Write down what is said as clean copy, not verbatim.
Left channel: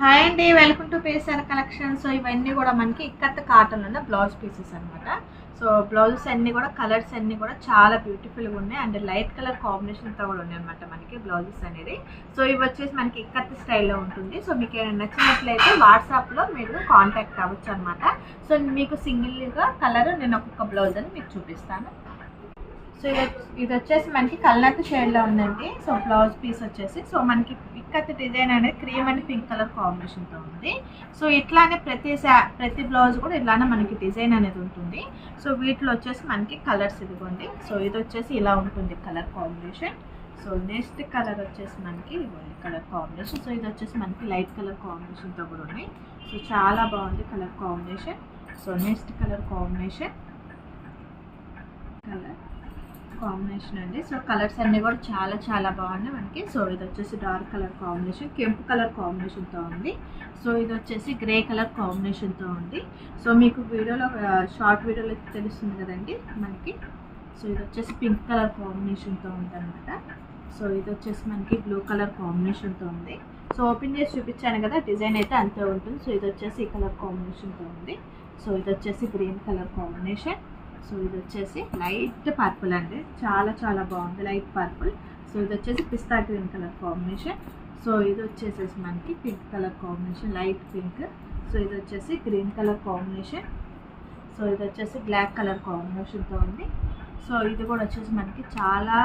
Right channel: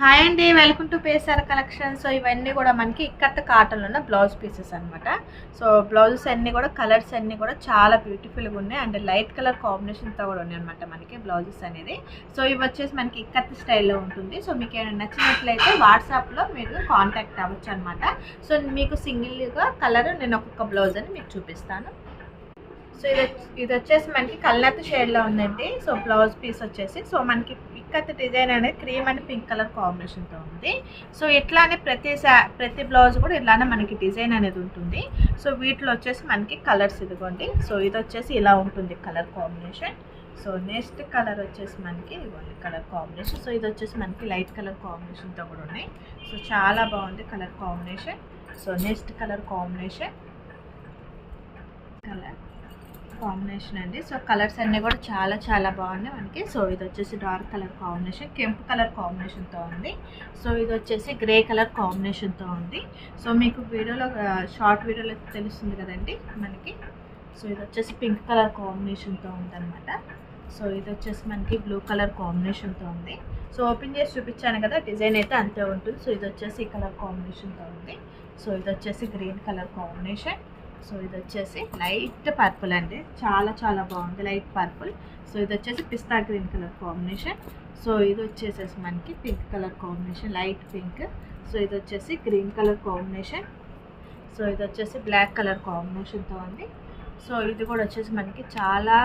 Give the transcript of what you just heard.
Hi అండి, welcome to పేసార్ collection. So ఇవన్నీ కూడా మనకి ఇక్కత్త కాటన్లో ఉన్న బ్లౌజ్ పీసెస్ అనమాట. సో బ్లౌజెస్ అన్నీ కూడా కలర్స్ అన్నీ కూడా చాలా బ్యూటిఫుల్గా ఉన్నాయి అండ్ లైట్ కలర్ కాంబినేషన్తో కూడా ఉన్నాయి అనమాట మనకి బ్లౌజెస్ అనేది. సో ఇవి వచ్చేసి మనకి ఇక్కత్త స్టైల్లో ఉంటుంది. సో మీకు ఏమైనా నచ్చినట్లయితే వాట్సాప్లో మీరు కాంటాక్ట్ అవ్వచ్చు అనమాట. సో మీకు సింగిల్గా కలర్ నేను ఒక్కొక్క బ్లౌజ్ అని మీకు చూపిస్తాను. సో ఇది వచ్చేసి మనకి కల్నత్ షేడ్లో ఉందండి. సో బ్లౌజ్ పీస్ వచ్చేసి సో మనకి ఇక్కత్ డిజైన్ అనేది క్రీమ్ అండ్ పింక్ కలర్ కాంబినేషన్తో ఉంది. సో ఇట్లానే ప్రతి బ్లౌజ్ కూడా ఇలానే మనకి డిజైన్ అనేది ఉంటుంది. సో వీటిలో వచ్చేసి మనకి కలర్స్ ఇదిగోండి. సో ఇది వచ్చేసి ఇలా ఉంటుంది colour combination. So next colour వచ్చేసి మనకి ఇవ్వండి కలర్ కాంబినేషన్. సో ఇది వచ్చేసి మనకి లైట్ కలర్ కాంబినేషన్తో కూడా ఉన్నాయి. సో చాలా బాగుంది colour combination. So next colour combination అండి. సో కలర్స్ అన్నీ కూడా చాలా బాగున్నాయి మనకి. సో ఇది వచ్చేసి డార్క్ కలర్ కాంబినేషన్, కెంపు కలర్ కాంబినేషన్తో ఉంది. సో ఇది వచ్చేసి గ్రే కలర్ కాంబినేషన్తో ఉంది. సో మీకు వీడియోలో షార్ట్ వీడియోలో తెలుస్తుంది కదండి మనకి. సో ఇది వచ్చేసి పింక్ కలర్ కాంబినేషన్తో ఉందన్నమాట. సో ఇది వచ్చేసి మనకి బ్లూ కలర్ కాంబినేషన్తో ఉంది. సో ఓపెన్ చేసి చూపించాను కదా, డిజైన్ అయితే అంతే ఉంటుంది. సో ఇది వచ్చేసి ఈ కలర్ కాంబినేషన్తో ఉంది. సో ఇది వచ్చేసి గ్రీన్ కలర్ కాంబినేషన్. సో ఇది వచ్చేసి లైట్ పర్పుల్ అండి, చాలా బాగుంది లైట్ పర్పుల్. సో ఇది వచ్చేసి పిస్తా గ్రీన్ కలర్ కాంబినేషన్. సో ఇది వచ్చేసేసి మనకి pink colour combination, light pink. So ఇది వచ్చేసి గ్రీన్ కలర్ కాంబినేషన్. సో ఇది వచ్చేసి బ్లాక్ కలర్ కాంబినేషన్తో ఉంది. సో ఇది కూడా వచ్చేసి మనకి చాలా